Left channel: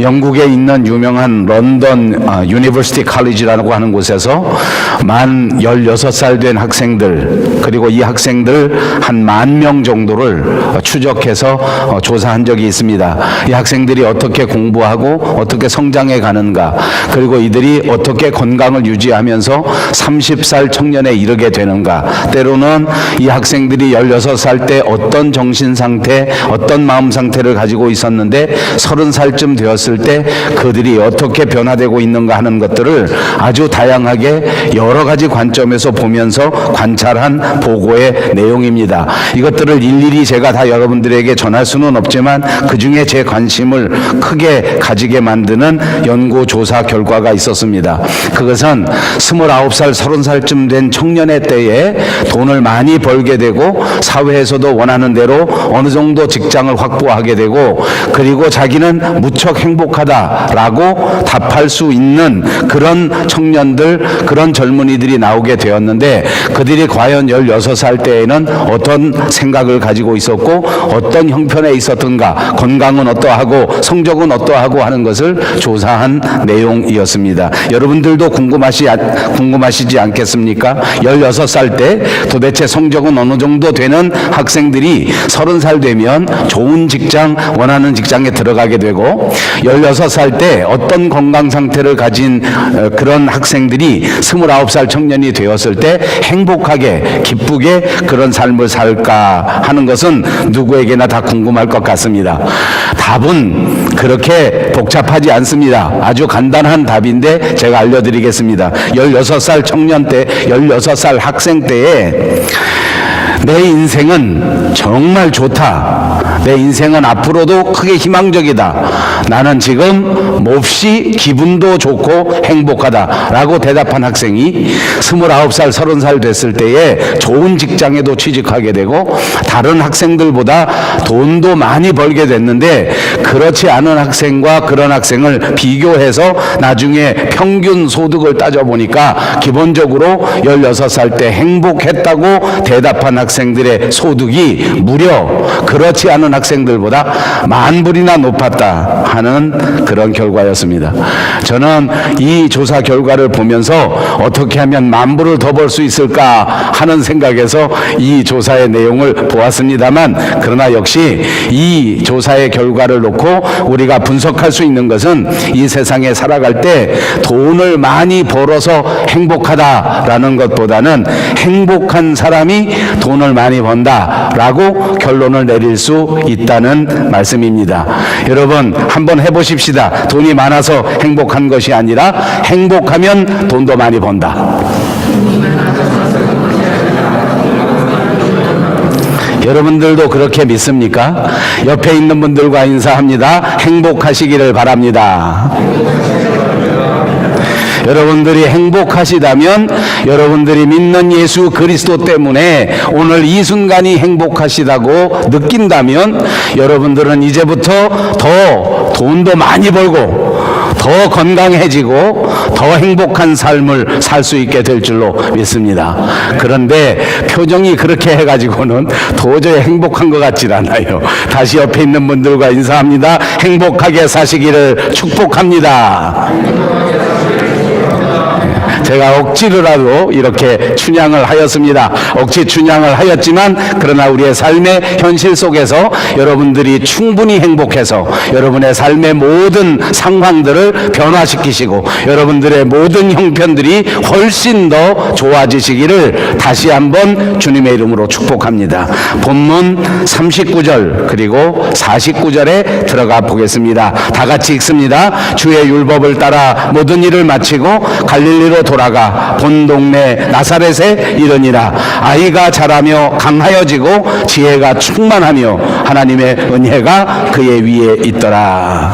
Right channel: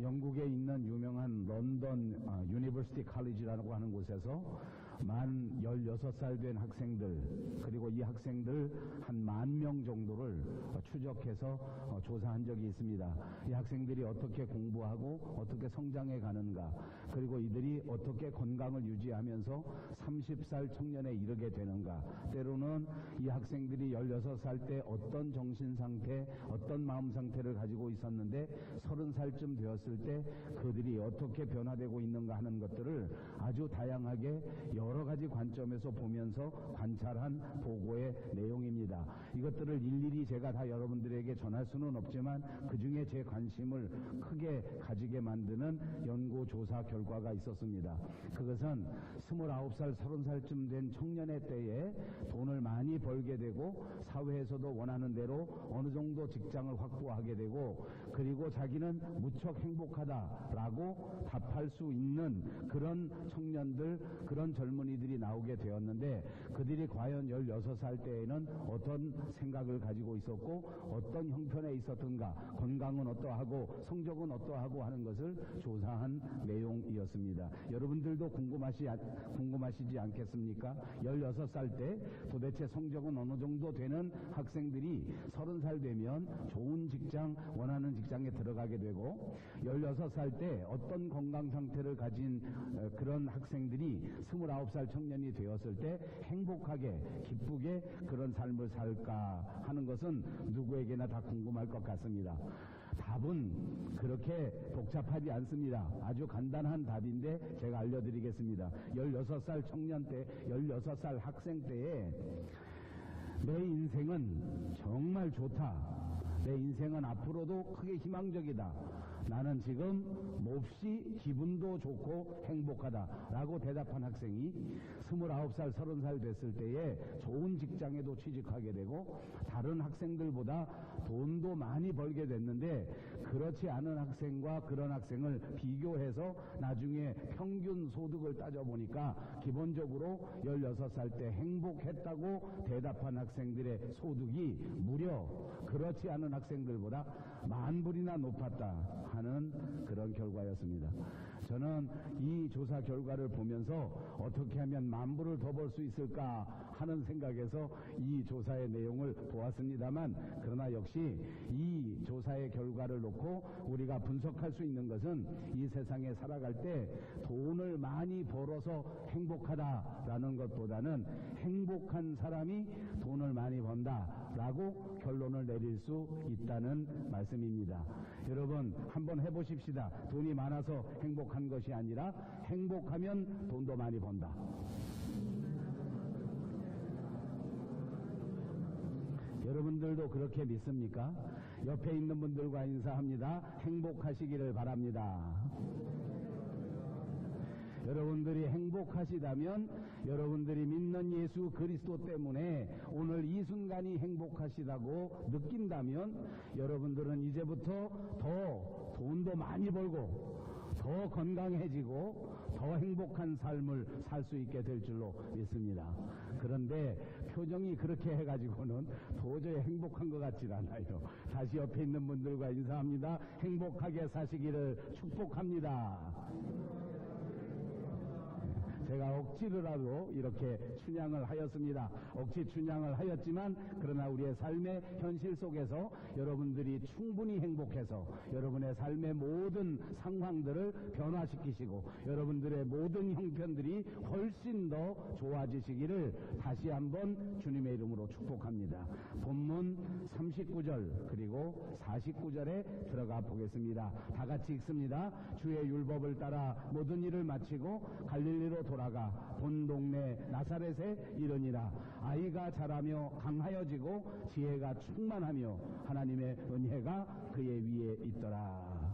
영국에 있는 유명한 런던 유니버시티 칼리지라고 하는 곳에서 만 16살 된 학생들, 그리고 이 학생들 한 10,000명 정도를 추적해서 조사한 적이 있습니다. 이 학생들이 어떻게 공부하고 어떻게 성장해 가는가, 그리고 이들이 어떻게 건강을 유지하면서 30살 청년에 이르게 되는가, 때로는 이 학생들이 16살 때 어떤 정신 상태, 어떤 마음 상태를 가지고 있었는데 30살쯤 되었을 때 그들이 어떻게 변화되고 있는가 하는 것들을 아주 다양하게 여러 가지 관점에서 보면서 관찰한 보고의 내용입니다. 이것들을 일일이 제가 다 여러분들에게 전할 수는 없지만 그 중에 제 관심을 크게 가지게 만드는 연구조사 결과가 있었습니다. 그것은 29살, 30살쯤 된 청년의 때에 돈을 많이 벌게 되고 사회에서도 원하는 대로 어느 정도 직장을 확보하게 되고, 그리고 자기는 무척 행복하다라고 답할 수 있는 그런 청년들, 그런 젊은이들이 나오게 되었는데, 그들이 과연 16살 때에는 어떤 생각을 가지고 있었고 어떤 형편에 있었던가, 건강은 어떠하고 성적은 어떠하고 하는 것을 조사한 내용이었습니다. 여러분들도 궁금하시지 않겠습니까? 16살 때 도대체 성적은 어느 정도 되는 학생들이 30살 되면 좋은 직장, 원하는 직장에 들어가게 되고, 16살 때 어떤 건강 상태를 가진 그런 학생들이 29살 청년이 되었을 때 행복하게 기쁘게 그런 삶을 살까 하는 것은 누구에게나 다 궁금할 것 같습니다. 답은 그렇게 복잡하지 않습니다. 아주 간단한 답인데 제가 알려드리겠습니다. 16살 청년 때, 16살 학생 때에 내 인생은 정말 좋다, 내 인생은 앞으로도 크게 희망적이다, 나는 지금 몹시 기분도 좋고 행복하다 라고 대답한 학생이 29살, 30살 됐을 때에 좋은 직장에도 취직하게 되고 다른 학생들보다 돈도 많이 벌게 됐는데, 그렇지 않은 학생과 그런 학생을 비교해서 나중에 평균 소득을 따져보니까 기본적으로 16살 때 행복했다고 대답한 학생들의 소득이 무려 그렇지 않은 학생들보다 10,000불이나 높았다 하는 그런 결과였습니다. 저는 이 조사 결과를 보면서 어떻게 하면 10,000불을 더 벌 수 있을까 하는 생각에서 이 조사의 내용을 보았습니다만, 그러나 역시 이 조사의 결과를 놓고 우리가 분석할 수 있는 것은 이 세상에 살아갈 때 돈을 많이 벌어서 행복하다라는 것보다는 행복한 사람이 돈을 많이 번다라고 결론을 내릴 수 있다는 말씀입니다. 여러분 한번 해보십시다. 돈이 많아서 행복한 것이 아니라 행복하면 돈도 많이 번다. 여러분들도 그렇게 믿습니까? 옆에 있는 분들과 인사합니다. 행복하시기를 바랍니다. 여러분들이 행복하시다면, 여러분들이 믿는 예수 그리스도 때문에 오늘 이 순간이 행복하시다고 느낀다면, 여러분들은 이제부터 더 돈도 많이 벌고 더 건강해지고 더 행복한 삶을 살 수 있게 될 줄로 믿습니다. 그런데 표정이 그렇게 해가지고는 도저히 행복한 것 같질 않아요. 다시 옆에 있는 분들과 인사합니다. 행복하게 사시기를 축복합니다. 제가 억지로라도 이렇게 춘향을 하였습니다. 억지 춘향을 하였지만, 그러나 우리의 삶의 현실 속에서 여러분들이 충분히 행복해서 여러분의 삶의 모든 상황들을 변화시키시고 여러분들의 모든 형편들이 훨씬 더 좋아지시기를 다시 한번 주님의 이름으로 축복합니다. 본문 39절 그리고 49절에 들어가 보겠습니다. 다 같이 읽습니다. 주의 율법을 따라 모든 일을 마치고 갈릴리로 돌아가 본 동네 나사렛에 이르니라. 아이가 자라며 강하여지고 지혜가 충만하며 하나님의 은혜가 그의 위에 있더라.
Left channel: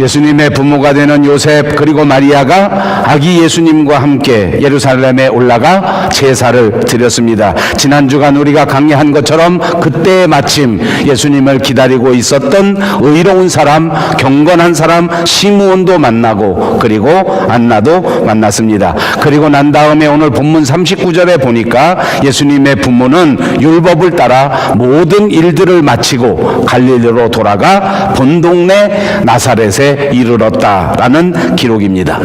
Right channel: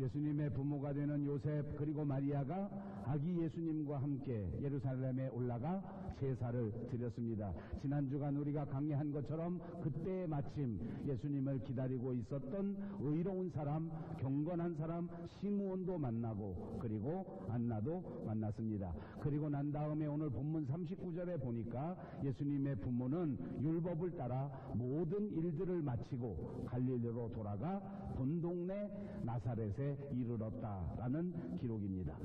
예수님의 부모가 되는 요셉 그리고 마리아가 아기 예수님과 함께 예루살렘에 올라가 제사를 드렸습니다. 지난 주간 우리가 강의한 것처럼 그때 마침 예수님을 기다리고 있었던 의로운 사람, 경건한 사람 시므온도 만나고 그리고 안나도 만났습니다. 그리고 난 다음에 오늘 본문 39절에 보니까 예수님의 부모는 율법을 따라 모든 일들을 마치고 갈릴리로 돌아가 본 동네 나사렛에 이르렀다라는 기록입니다.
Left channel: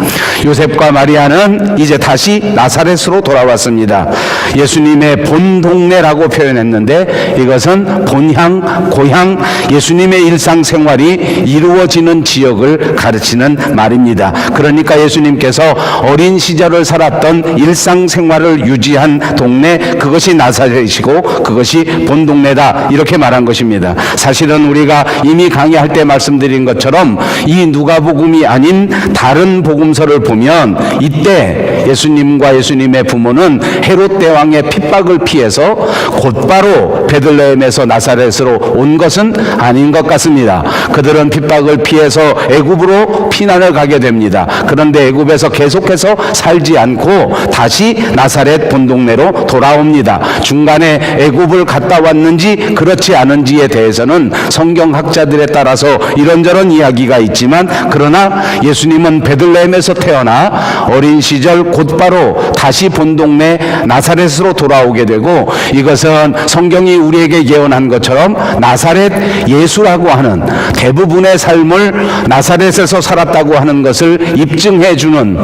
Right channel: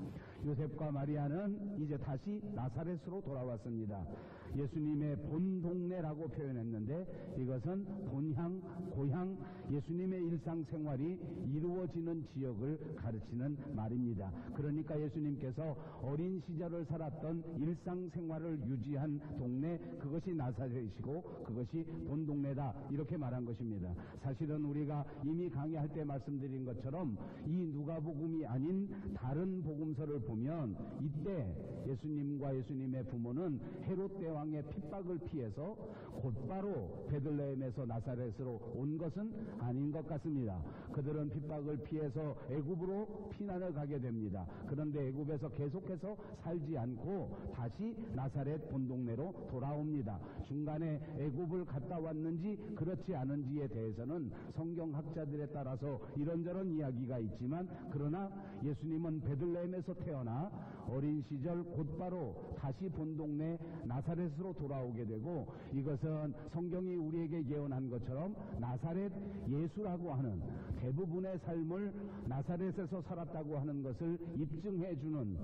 요셉과 마리아는 이제 다시 나사렛으로 돌아왔습니다. 예수님의 본 동네라고 표현했는데 이것은 본향, 고향, 예수님의 일상생활이 이루어지는 지역을 가르치는 말입니다. 그러니까 예수님께서 어린 시절을 살았던 일상생활을 유지한 동네, 그것이 나사렛이고 그것이 본 동네다, 이렇게 말한 것입니다. 사실은 우리가 이미 강의할 때 말씀드린 것처럼 이 누가복음이 아닌 다른 복음서를 보면 이때 예수님과 예수님의 부모는 헤롯 대왕의 핍박을 피해서 곧바로 베들레헴에서 나사렛으로 온 것은 아닌 것 같습니다. 그들은 핍박을 피해서 애굽으로 피난을 가게 됩니다. 그런데 애굽에서 계속해서 살지 않고 다시 나사렛 본동네로 돌아옵니다. 중간에 애굽을 갔다 왔는지 그렇지 않은지에 대해서는 성경학자들에 따라서 이런저런 이야기가 있지만, 그러나 예수님은 베들레헴에서 태어나 어린 시절 곧바로 다시 본동네 나사렛으로 돌아오게 되고, 이것은 성경이 우리에게 예언한 것처럼 나사렛 예수라고 하는, 대부분의 삶을 나사렛에서 살았다고 하는 것을 입증해 주는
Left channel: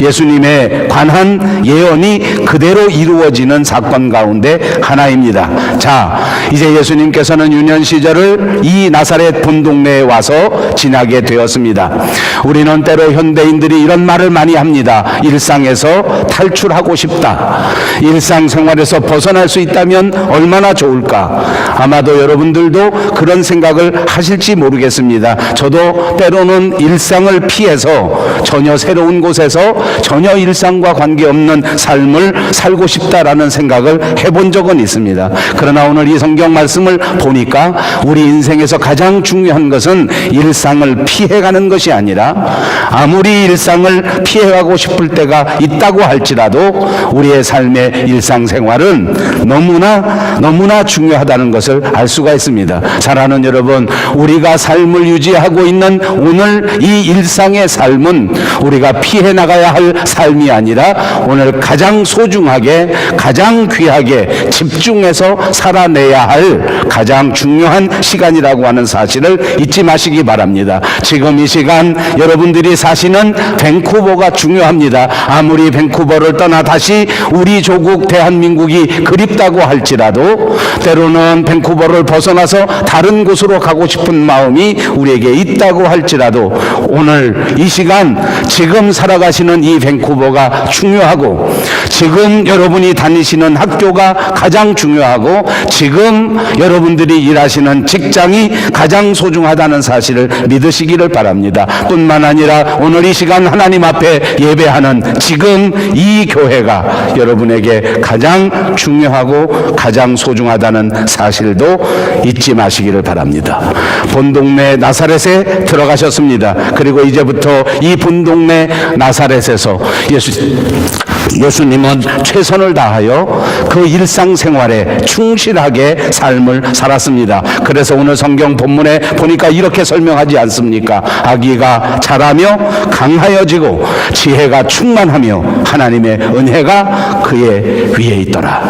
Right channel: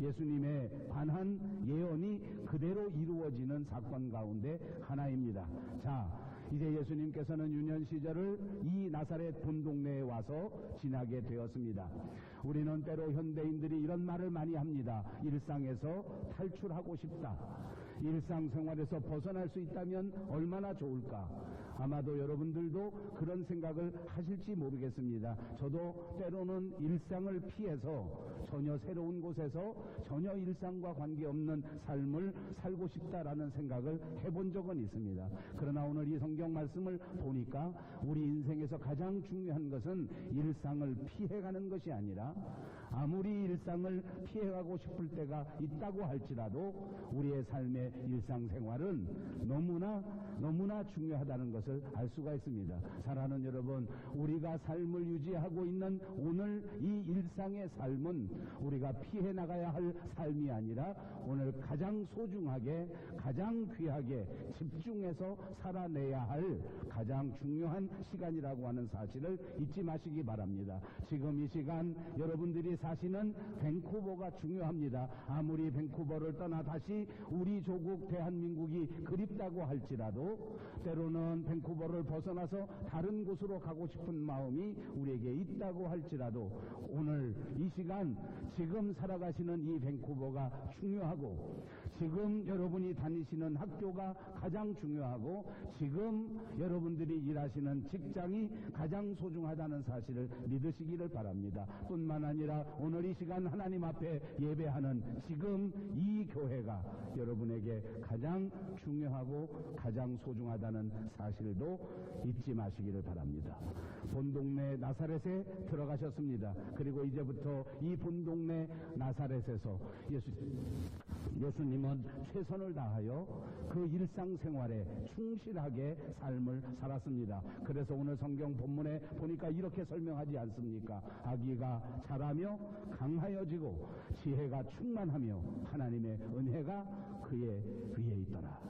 예수님에 관한 예언이 그대로 이루어지는 사건 가운데 하나입니다. 자, 이제 예수님께서는 유년 시절을 이 나사렛 본동네에 와서 지나게 되었습니다. 우리는 때로 현대인들이 이런 말을 많이 합니다. 일상에서 탈출하고 싶다. 일상생활에서 벗어날 수 있다면 얼마나 좋을까. 아마도 여러분들도 그런 생각을 하실지 모르겠습니다. 저도 때로는 일상을 피해서 전혀 새로운 곳에서 전혀 일상과 관계없는 삶을 살고 싶다라는 생각을 해본 적은 있습니다. 그러나 오늘 이 성경 말씀을 보니까 우리 인생에서 가장 중요한 것은 일상을 피해가는 것이 아니라, 아무리 일상을 피해가고 싶을 때가 있다고 할지라도 우리의 삶의 일상생활은 너무나 중요하다는 것을 알 수가 있습니다. 사랑하는 여러분, 우리가 삶을 유지하고 있는 오늘 이 일상의 삶은 우리가 피해 나가야 할 삶이 아니라 오늘 가장 소중하게, 가장 귀하게 집중해서 살아내야 할 가장 중요한 시간이라고 하는 사실을 잊지 마시기 바랍니다. 지금 이 시간 여러분들이 사시는 밴쿠버가 중요합니다. 아무리 밴쿠버를 떠나 다시 우리 조국 대한민국이 그립다고 할지라도 때로는 밴쿠버를 벗어나서 다른 곳으로 가고 싶은 마음이 우리에게 있다고 할지라도 오늘 이 시간 지금 살아가시는 이 밴쿠버가 중요하고, 지금 여러분이 다니시는 학교가 가장 중요하고, 지금 여러분들이 일하시는 직장이 가장 소중하다는 사실을 믿으시기를 바랍니다. 뿐만 아니라 오늘 이 시간 하나님 앞에 예배하는 지금 이 교회가 여러분에게 가장 중요하고 가장 소중하다는 사실도 잊지 마시기를 바랍니다. 본동네 나사렛에 들어가셨습니다. 그리고 이제부터 이 본동네 나사렛에서 예수님은 최선을 다하여 그 일상생활에 충실하게 삶을 살았습니다. 그래서 오늘 성경 본문에 보니까 이렇게 설명하지 않습니까? 아기가 자라며 강하여지고 지혜가 충만하며 하나님의 은혜가 그의 위에 있더라.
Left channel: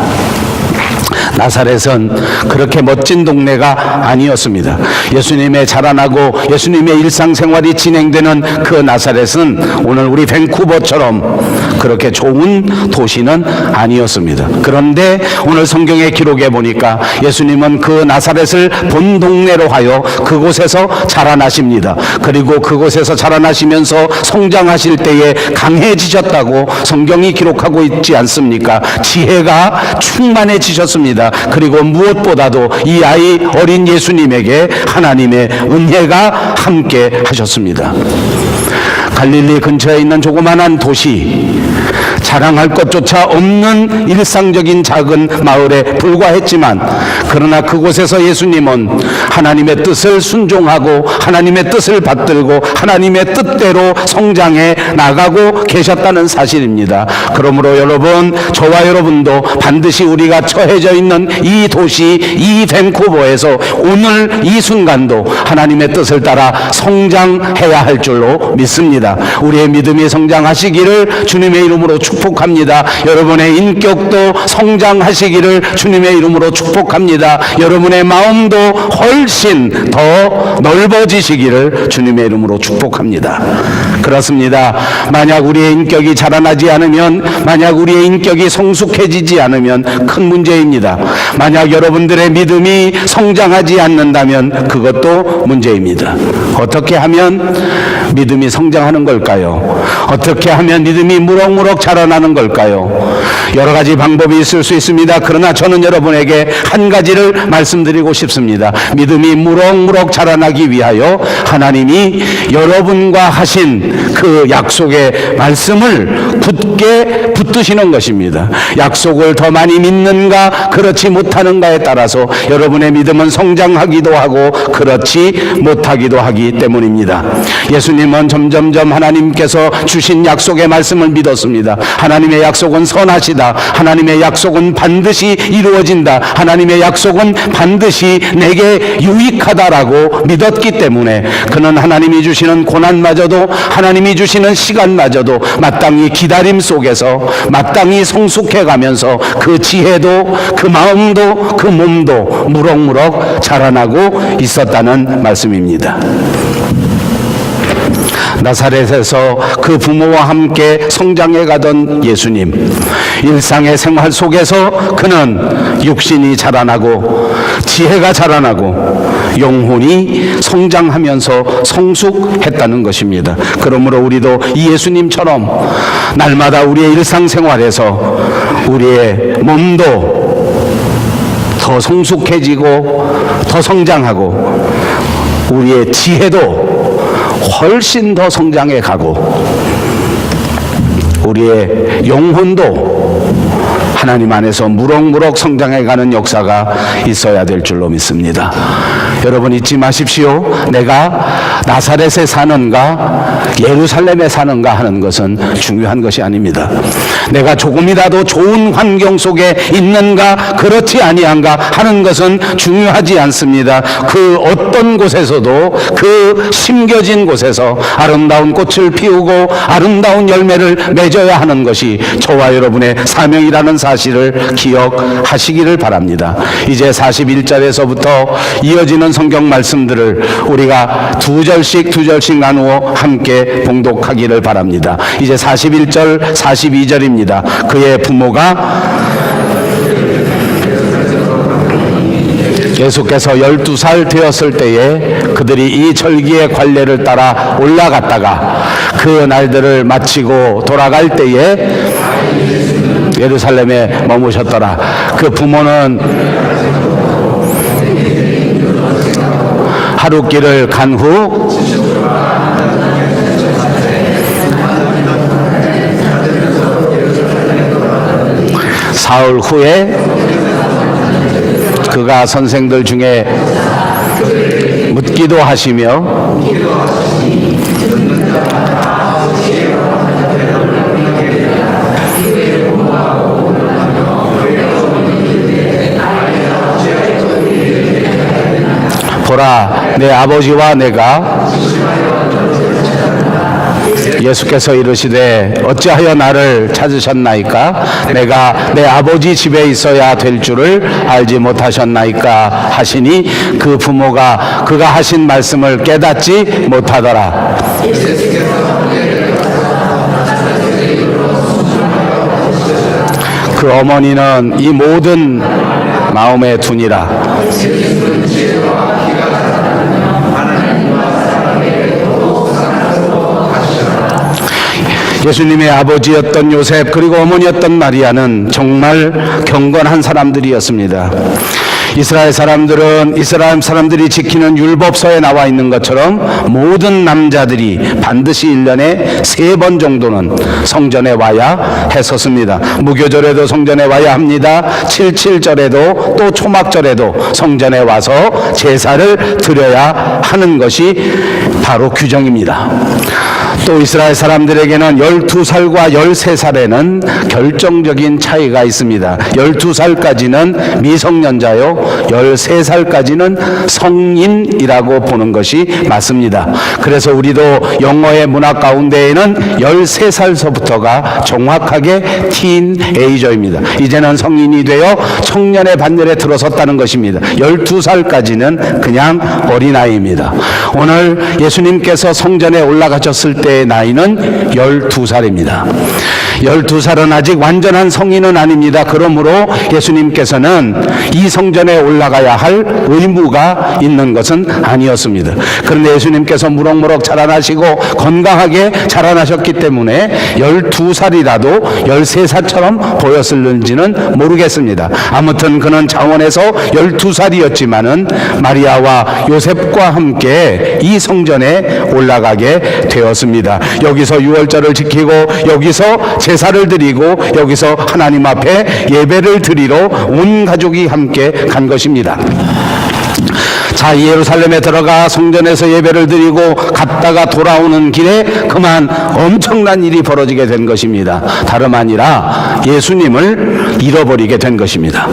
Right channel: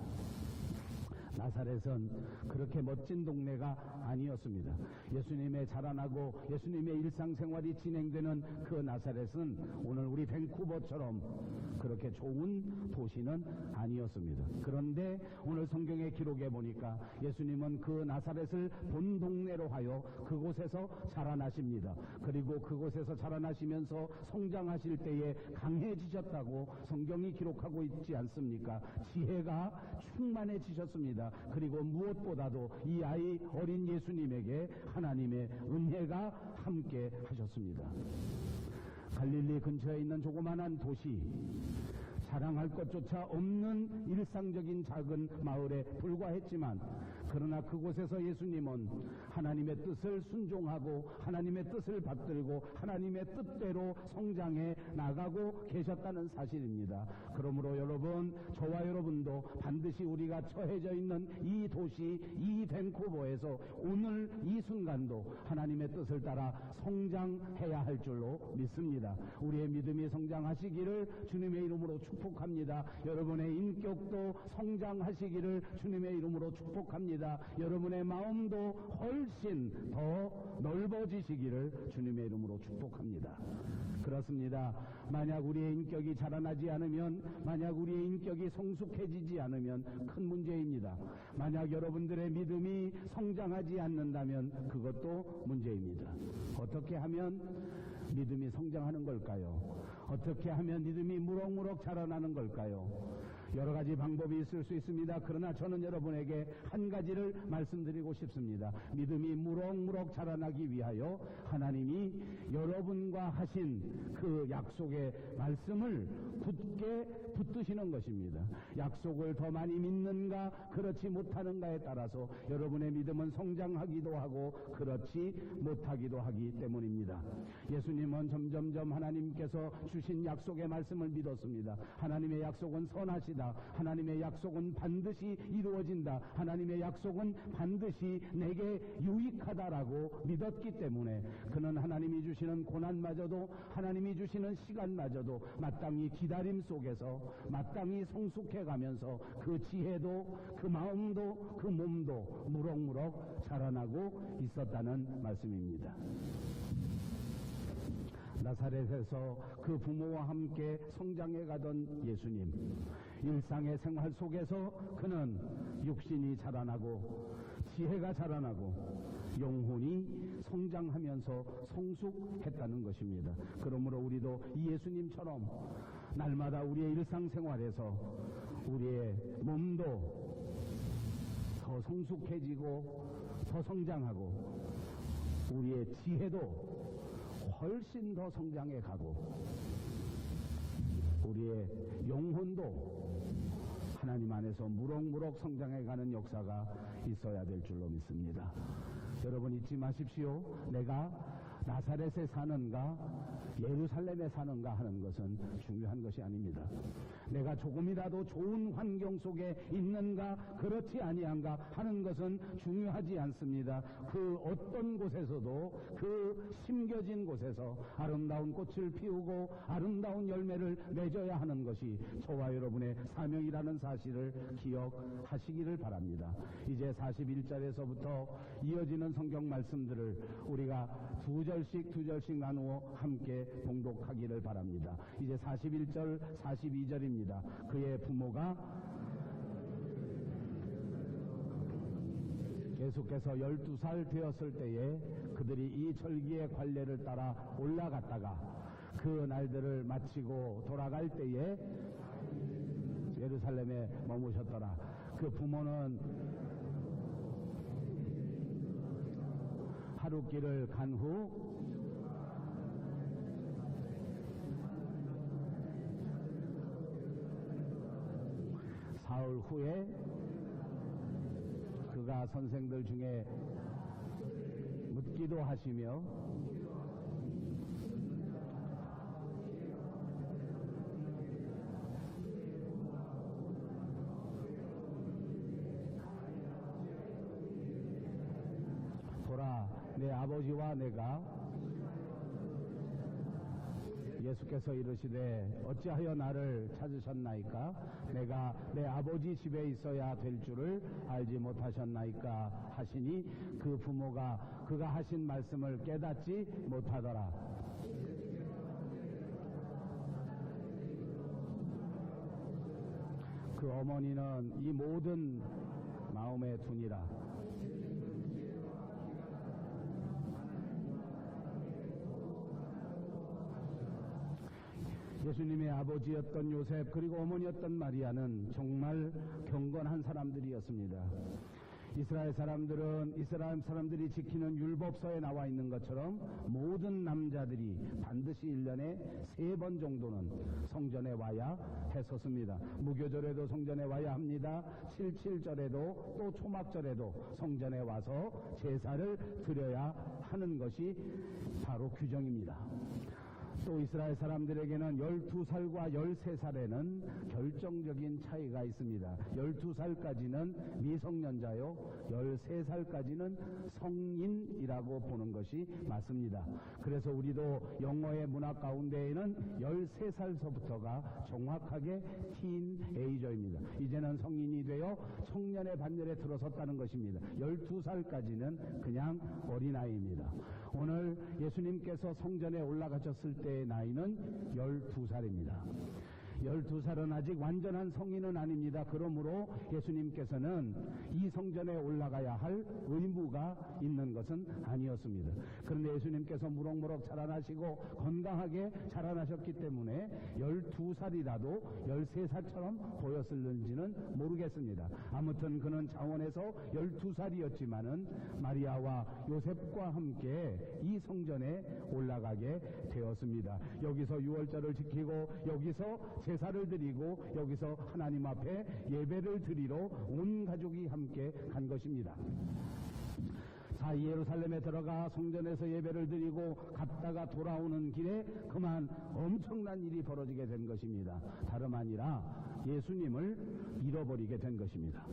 나사렛은 그렇게 멋진 동네가 아니었습니다. 예수님의 자라나고 예수님의 일상생활이 진행되는 그 나사렛은 오늘 우리 밴쿠버처럼 그렇게 좋은 도시는 아니었습니다. 그런데 오늘 성경의 기록에 보니까 예수님은 그 나사렛을 본 동네로 하여 그곳에서 자라나십니다. 그리고 그곳에서 자라나시면서 성장하실 때에 강해지셨다고 성경이 기록하고 있지 않습니까? 지혜가 충만해지셨습니다. 그리고 무엇보다도 이 아이 어린 예수님에게 하나님의 은혜가 함께 하셨습니다. 갈릴리 근처에 있는 조그만한 도시, 자랑할 것조차 없는 일상적인 작은 마을에 불과했지만, 그러나 그곳에서 예수님은 하나님의 뜻을 순종하고 하나님의 뜻을 받들고 하나님의 뜻대로 성장해 나가고 계셨다는 사실입니다. 그러므로 여러분, 저와 여러분도 반드시 우리가 처해져 있는 이 도시, 이 밴쿠버에서 오늘 이 순간도 하나님의 뜻을 따라 성장해야 할 줄로 믿습니다. 우리의 믿음이 성장하시기를 주님의 이름으로 축복합니다. 여러분의 인격도 성장하시기를 주님의 이름으로 축복합니다. 여러분의 마음도 훨씬 더 넓어지시기를 주님의 이름으로 축복합니다. 그렇습니다. 만약 우리의 인격이 자라나지 않으면, 만약 우리의 인격이 성숙해지지 않으면 큰 문제입니다. 만약 여러분들의 믿음이 성장하지 않는다면 그것도 문제입니다. 어떻게 하면 믿음이 성장하는 걸까요? 어떻게 하면 믿음이 무럭무럭 자라나는 걸까요? 여러 가지 방법이 있을 수 있습니다. 그러나 저는 여러분에게 한 가지를 말씀드리고 싶습니다. 믿음이 무럭무럭 자라나기 위하여 하나님이 여러분과 하신 그 약속의 말씀을 굳게 붙드시는 것입니다. 약속을 더 많이 믿는가 그렇지 못하는가에 따라서 여러분의 믿음은 성장하기도 하고 그렇지 못하기도 하기 때문입니다. 예수님은 점점점 하나님께서 주신 약속의 말씀을 믿었습니다. 하나님의 약속은 선하시다. 하나님의 약속은 반드시 이루어진다. 하나님의 약속은 반드시 내게 유익하다라고 믿었기 때문에 그는 하나님이 주시는 고난마저도, 하나님이 주시는 시간마저도 마땅히 기다림 속에서 마땅히 성숙해가면서 그 지혜도, 그 마음도, 그 몸도 무럭무럭 자라나고 있었다는 말씀입니다. 나사렛에서 그 부모와 함께 성장해 가던 예수님, 일상의 생활 속에서 그는 육신이 자라나고 지혜가 자라나고 영혼이 성장하면서 성숙했다는 것입니다. 그러므로 우리도 이 예수님처럼 날마다 우리의 일상생활에서 우리의 몸도 더 성숙해지고 더 성장하고 우리의 지혜도 훨씬 더 성장해 가고 우리의 영혼도 하나님 안에서 무럭무럭 성장해 가는 역사가 있어야 될 줄로 믿습니다. 여러분 잊지 마십시오. 내가 나사렛에 사는가 예루살렘에 사는가 하는 것은 중요한 것이 아닙니다. 내가 조금이라도 좋은 환경 속에 있는가 그렇지 아니한가 하는 것은 중요하지 않습니다. 그 어떤 곳에서도 그 심겨진 곳에서 아름다운 꽃을 피우고 아름다운 열매를 맺어야 하는 것이 저와 여러분의 사명이라는 사실을 기억하시기를 바랍니다. 이제 41절에서부터 이어지는 성경 말씀들을 우리가 두 절씩 나누어 함께 봉독하기를 바랍니다. 이제 41절, 42절입니다. 그의 부모가 예수께서 12살 되었을 때에 그들이 이 절기의 관례를 따라 올라갔다가 그 날들을 마치고 돌아갈 때에 예루살렘에 머무셨더라. 그 부모는 하룻길을 간 후 사흘 후에 그가 선생들 중에 묻기도 하시며 보라, 내 아버지와 내가 예수께서 이르시되 어찌하여 나를 찾으셨나이까? 내가 내 아버지 집에 있어야 될 줄을 알지 못하셨나이까? 하시니 그 부모가 그가 하신 말씀을 깨닫지 못하더라. 그 어머니는 이 모든 마음에 두니라. 예수님의 아버지였던 요셉 그리고 어머니였던 마리아는 정말 경건한 사람들이었습니다. 이스라엘 사람들이 지키는 율법서에 나와 있는 것처럼 모든 남자들이 반드시 1년에 3번 정도는 성전에 와야 했었습니다. 무교절에도 성전에 와야 합니다. 77절에도 또 초막절에도 성전에 와서 제사를 드려야 하는 것이 바로 규정입니다. 또 이스라엘 사람들에게는 12살과 13살에는 결정적인 차이가 있습니다. 12살까지는 미성년자요, 13살까지는 성인이라고 보는 것이 맞습니다. 그래서 우리도 영어의 문화 가운데에는 13살서부터가 정확하게 티인에이저입니다. 이제는 성인이 되어 청년의 반열에 들어섰다는 것입니다. 12살까지는 그냥 어린아이입니다. 오늘 예수님께서 성전에 올라가셨을 때의 나이는 12살입니다. 12살은 아직 완전한 성인은 아닙니다. 그러므로 예수님께서는 이 성전에 올라가야 할 의무가 있는 것은 아니었습니다. 그런데 예수님께서 무럭무럭 자라나시고 건강하게 자라나셨기 때문에 12살이라도 13살처럼 보였을는지는 모르겠습니다. 아무튼 그는 자원에서 12살이었지만은 마리아와 요셉과 함께 이 성전에 올라가게 되었습니다. 여기서 유월절을 지키고 여기서 제사를 드리고 여기서 하나님 앞에 예배를 드리러 온 가족이 함께 간 것입니다. 자, 예루살렘에 들어가 성전에서 예배를 드리고 갔다가 돌아오는 길에 그만 엄청난 일이 벌어지게 된 것입니다. 다름 아니라 예수님을 잃어버리게 된 것입니다.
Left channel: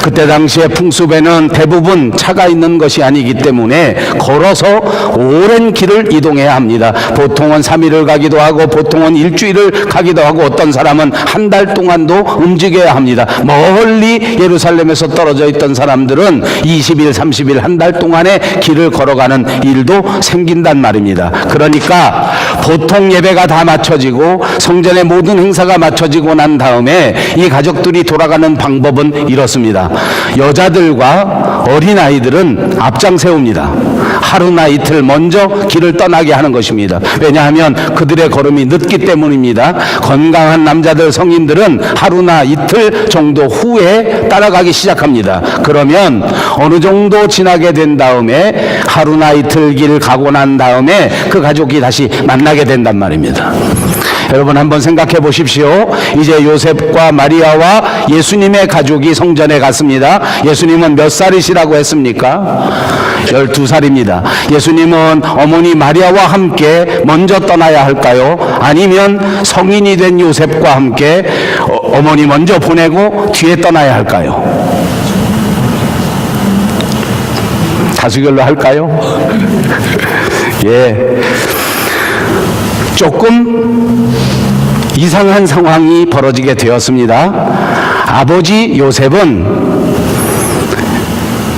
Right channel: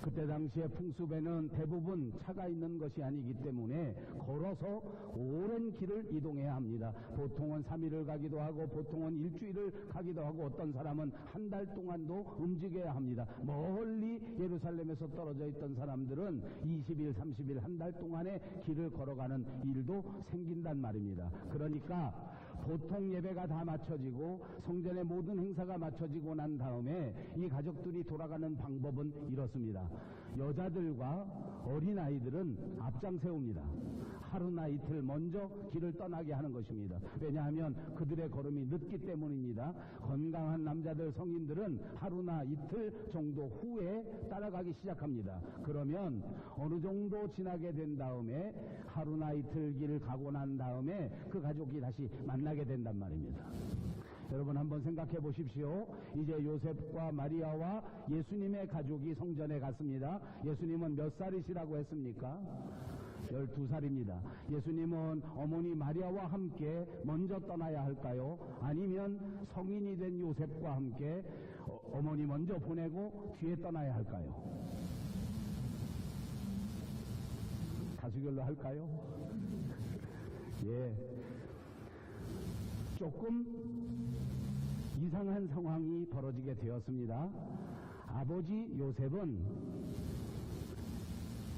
그때 당시에 풍습에는 대부분 차가 있는 것이 아니기 때문에 걸어서 오랜 길을 이동해야 합니다. 보통은 3일을 가기도 하고 보통은 일주일을 가기도 하고 어떤 사람은 한 달 동안도 움직여야 합니다. 멀리 예루살렘에서 떨어져 있던 사람들은 20일, 30일, 한 달 동안의 길을 걸어가는 일도 생긴단 말입니다. 그러니까 보통 예배가 다 마쳐지고 성전의 모든 행사가 마쳐지고 난 다음에 이 가족들이 돌아가는 방법은 이렇습니다. 여자들과 어린아이들은 앞장 세웁니다. 하루나 이틀 먼저 길을 떠나게 하는 것입니다. 왜냐하면 그들의 걸음이 늦기 때문입니다. 건강한 남자들, 성인들은 하루나 이틀 정도 후에 따라가기 시작합니다. 그러면 어느 정도 지나게 된 다음에 하루나 이틀 길 가고 난 다음에 그 가족이 다시 만나게 된단 말입니다. 여러분 한번 생각해 보십시오. 이제 요셉과 마리아와 예수님의 가족이 성전에 갔습니다. 예수님은 몇 살이시라고 했습니까? 12살입니다. 예수님은 어머니 마리아와 함께 먼저 떠나야 할까요? 아니면 성인이 된 요셉과 함께 어머니 먼저 보내고 뒤에 떠나야 할까요? 다수결로 할까요? 예. 조금 이상한 상황이 벌어지게 되었습니다. 아버지 요셉은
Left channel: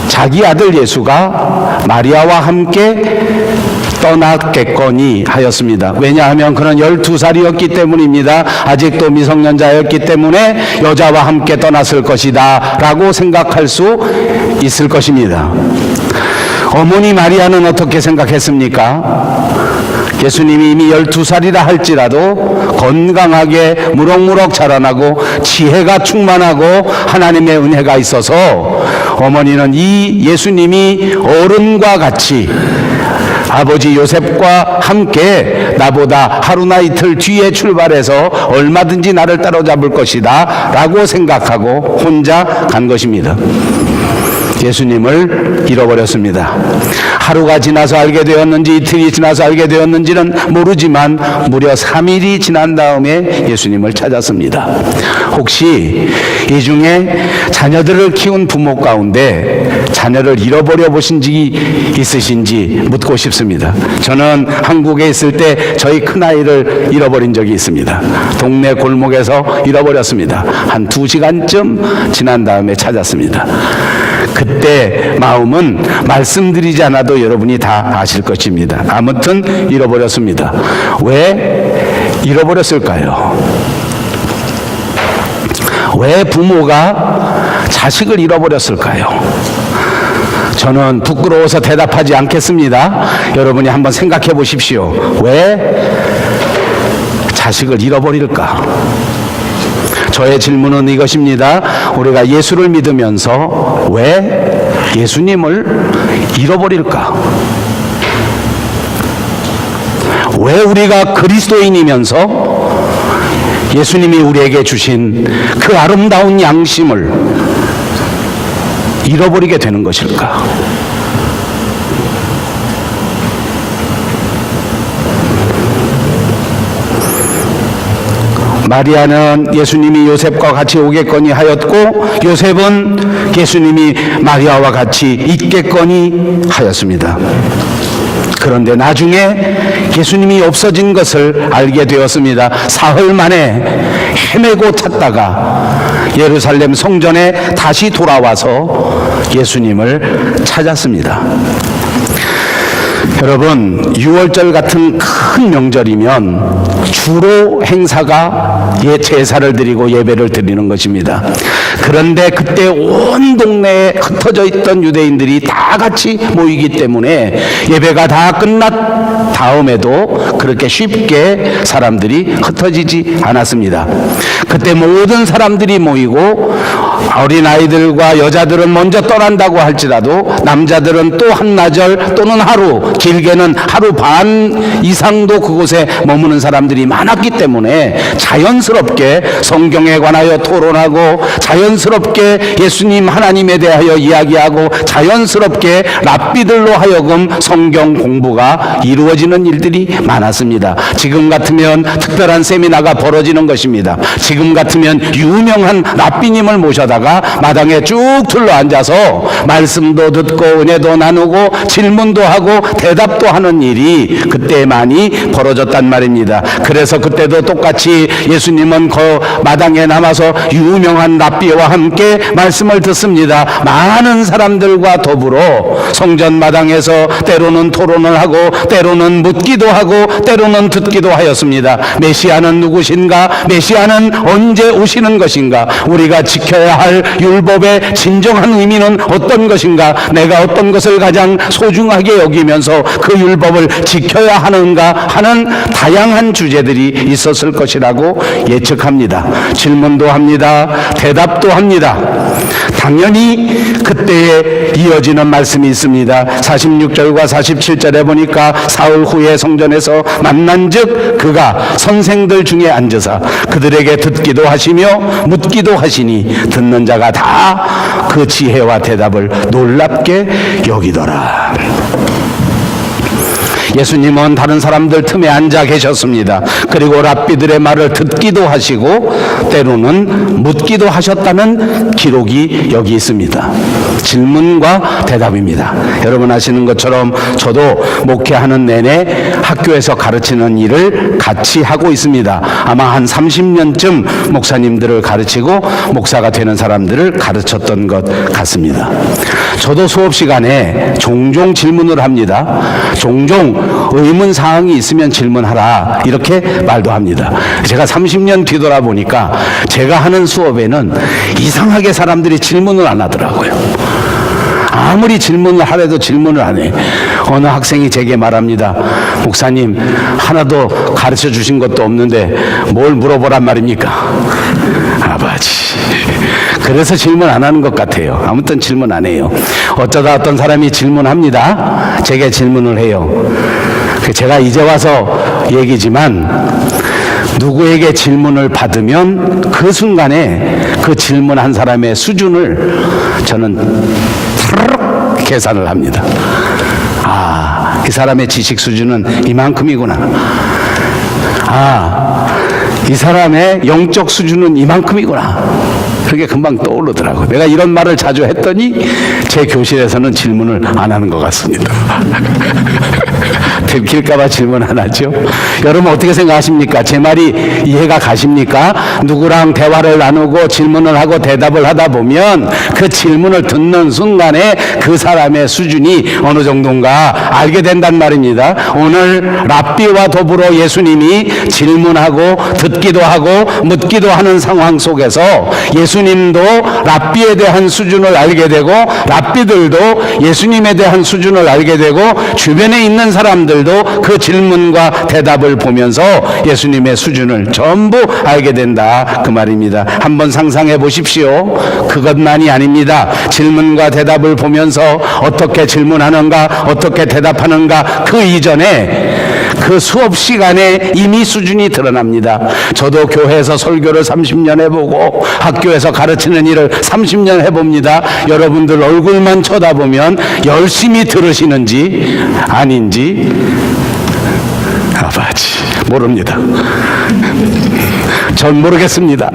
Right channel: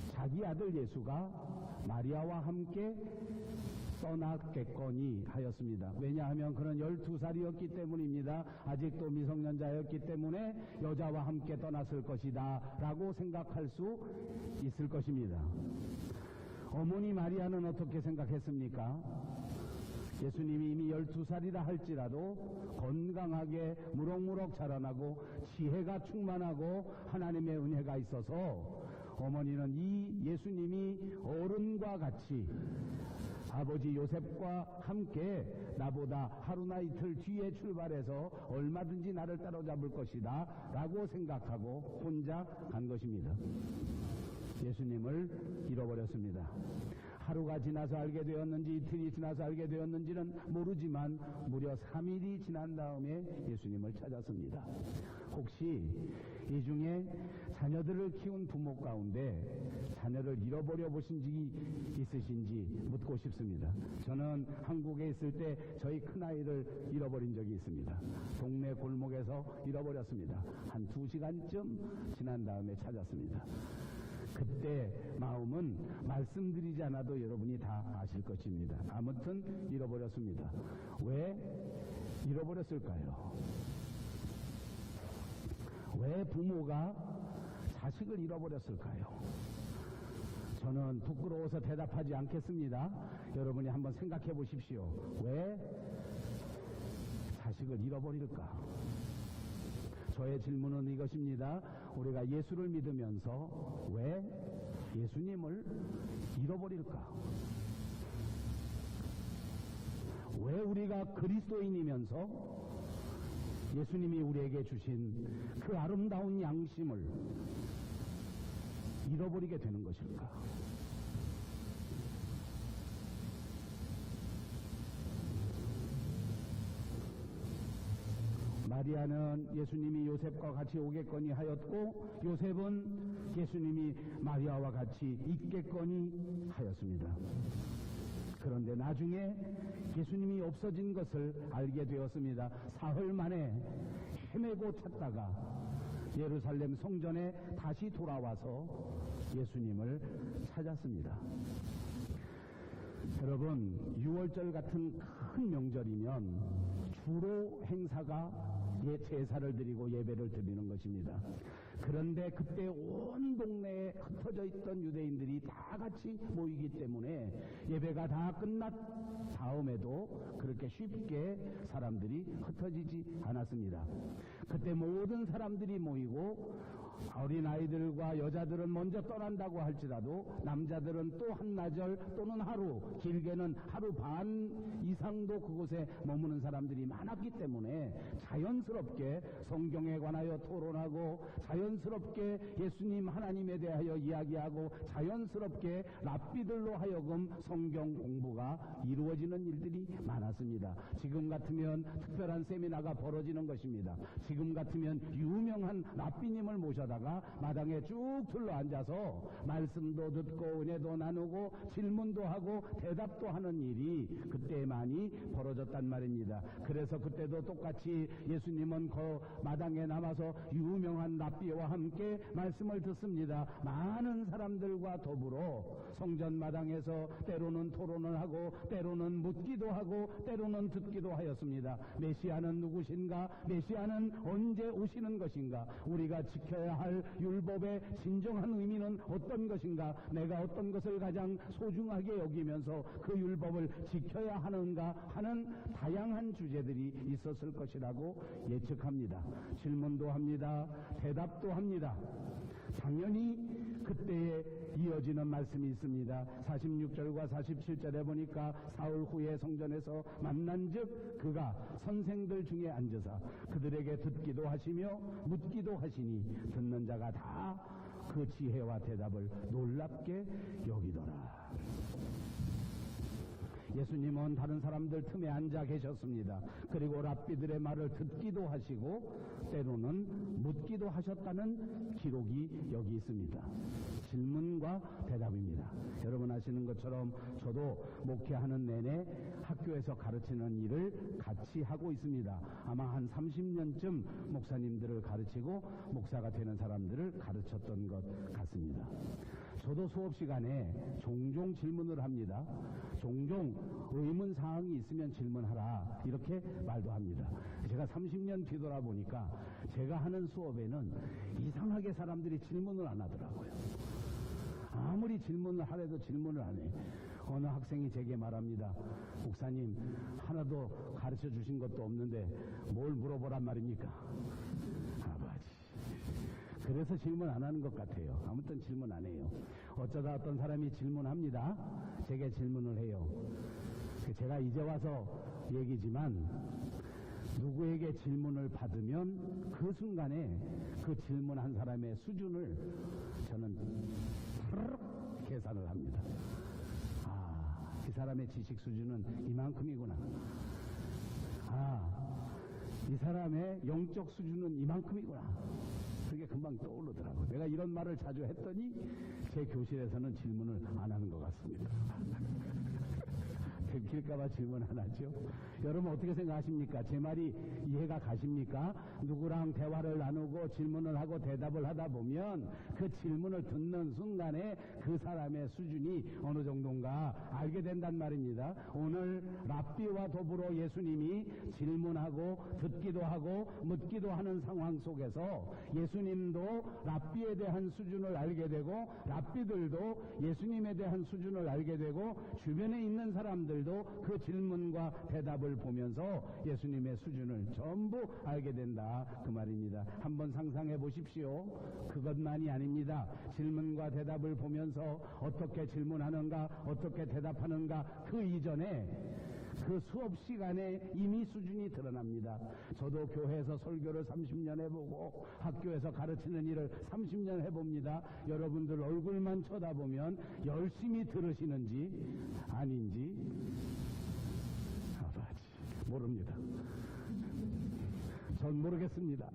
자기 아들 예수가 마리아와 함께 떠났겠거니 하였습니다. 왜냐하면 그는 12살이었기 때문입니다. 아직도 미성년자였기 때문에 여자와 함께 떠났을 것이다 라고 생각할 수 있을 것입니다. 어머니 마리아는 어떻게 생각했습니까? 예수님이 이미 12살이라 할지라도 건강하게 무럭무럭 자라나고 지혜가 충만하고 하나님의 은혜가 있어서 어머니는 이 예수님이 어른과 같이 아버지 요셉과 함께 나보다 하루나 이틀 뒤에 출발해서 얼마든지 나를 따라잡을 것이다 라고 생각하고 혼자 간 것입니다. 예수님을 잃어버렸습니다. 하루가 지나서 알게 되었는지 이틀이 지나서 알게 되었는지는 모르지만 무려 3일이 지난 다음에 예수님을 찾았습니다. 혹시 이 중에 자녀들을 키운 부모 가운데 자녀를 잃어버려 보신 적이 있으신지 묻고 싶습니다. 저는 한국에 있을 때 저희 큰아이를 잃어버린 적이 있습니다. 동네 골목에서 잃어버렸습니다. 한 2시간쯤 지난 다음에 찾았습니다. 그때 마음은 말씀드리지 않아도 여러분이 다 아실 것입니다. 아무튼 잃어버렸습니다. 왜 잃어버렸을까요? 왜 부모가 자식을 잃어버렸을까요? 저는 부끄러워서 대답하지 않겠습니다. 여러분이 한번 생각해 보십시오. 왜 자식을 잃어버릴까? 저의 질문은 이것입니다. 우리가 예수를 믿으면서 왜 예수님을 잃어버릴까? 왜 우리가 그리스도인이면서 예수님이 우리에게 주신 그 아름다운 양심을 잃어버리게 되는 것일까? 마리아는 예수님이 요셉과 같이 오겠거니 하였고, 요셉은 예수님이 마리아와 같이 있겠거니 하였습니다. 그런데 나중에 예수님이 없어진 것을 알게 되었습니다. 사흘 만에 헤매고 찾다가 예루살렘 성전에 다시 돌아와서 예수님을 찾았습니다. 여러분, 6월절 같은 큰 명절이면 주로 행사가 제사를 드리고 예배를 드리는 것입니다. 그런데 그때 온 동네에 흩어져 있던 유대인들이 다 같이 모이기 때문에 예배가 다 끝났 다음에도 그렇게 쉽게 사람들이 흩어지지 않았습니다. 그때 모든 사람들이 모이고 어린아이들과 여자들은 먼저 떠난다고 할지라도 남자들은 또 한나절 또는 하루, 길게는 하루 반 이상도 그곳에 머무는 사람들이 많았기 때문에 자연스럽게 성경에 관하여 토론하고 자연스럽게 예수님 하나님에 대하여 이야기하고 자연스럽게 랍비들로 하여금 성경 공부가 이루어지는 일들이 많았습니다. 지금 같으면 특별한 세미나가 벌어지는 것입니다. 지금 같으면 유명한 랍비님을 모셔다가 마당에 쭉 둘러앉아서 말씀도 듣고 은혜도 나누고 질문도 하고 대답도 하는 일이 그때 많이 벌어졌단 말입니다. 그래서 그때도 똑같이 예수님은 그 마당에 남아서 유명한 랍비와 함께 말씀을 듣습니다. 많은 사람들과 더불어 성전 마당에서 때로는 토론을 하고 때로는 묻기도 하고 때로는 듣기도 하였습니다. 메시아는 누구신가? 메시아는 언제 오시는 것인가? 우리가 지켜야 할 율법의 진정한 의미는 어떤 것인가? 내가 어떤 것을 가장 소중하게 여기면서 그 율법을 지켜야 하는가 하는 다양한 주제들이 있었을 것이라고 예측합니다. 질문도 합니다. 대답도 합니다. 당연히 그때에 이어지는 말씀이 있습니다. 46절과 47절에 보니까 사흘 후에 성전에서 만난즉 그가 선생들 중에 앉으사 그들에게 듣기도 하시며 묻기도 하시니 듣는 자가 다 그 지혜와 대답을 놀랍게 여기더라. 예수님은 다른 사람들 틈에 앉아 계셨습니다. 그리고 랍비들의 말을 듣기도 하시고 때로는 묻기도 하셨다는 기록이 여기 있습니다. 질문과 대답입니다. 여러분 아시는 것처럼 저도 목회하는 내내 학교에서 가르치는 일을 같이 하고 있습니다. 아마 한 30년쯤 목사님들을 가르치고 목사가 되는 사람들을 가르쳤던 것 같습니다. 저도 수업 시간에 종종 질문을 합니다. 종종 의문사항이 있으면 질문하라 이렇게 말도 합니다. 제가 30년 뒤돌아보니까 제가 하는 수업에는 이상하게 사람들이 질문을 안 하더라고요. 아무리 질문을 하래도 질문을 안 해. 어느 학생이 제게 말합니다. 목사님, 하나도 가르쳐 주신 것도 없는데 뭘 물어보란 말입니까? 아버지. 그래서 질문 안 하는 것 같아요. 아무튼 질문 안 해요. 어쩌다 어떤 사람이 질문합니다. 제게 질문을 해요. 제가 이제 와서 얘기지만 누구에게 질문을 받으면 그 순간에 그 질문한 사람의 수준을 저는 타르륵 계산을 합니다. 아, 이 사람의 지식 수준은 이만큼이구나. 아, 이 사람의 영적 수준은 이만큼이구나. 그게 금방 떠오르더라고요. 내가 이런 말을 자주 했더니 제 교실에서는 질문을 안 하는 것 같습니다. 들킬까봐 질문 안 하죠. 여러분 어떻게 생각하십니까? 제 말이 이해가 가십니까? 누구랑 대화를 나누고 질문을 하고 대답을 하다 보면 그 질문을 듣는 순간에 그 사람의 수준이 어느 정도인가 알게 된단 말입니다. 오늘 랍비와 더불어 예수님이 질문하고 듣기도 하고 묻기도 하는 상황 속에서 예수님도 랍비에 대한 수준을 알게 되고 랍비들도 예수님에 대한 수준을 알게 되고 주변에 있는 일반 사람들도 그 질문과 대답을 보면서 예수님의 수준을 전부 알게 된다, 그 말입니다. 한번 상상해 보십시오. 그것만이 아닙니다. 질문과 대답을 보면서 어떻게 질문하는가, 어떻게 대답하는가, 그 이전에 그 수업 시간에 이미 수준이 드러납니다. 저도 교회에서 설교를 30년 해보고 학교에서 가르치는 일을 30년 해봅니다. 여러분들 얼굴만 쳐다보면 열심히 들으시는지 아닌지 아버지 모릅니다. 전 모르겠습니다.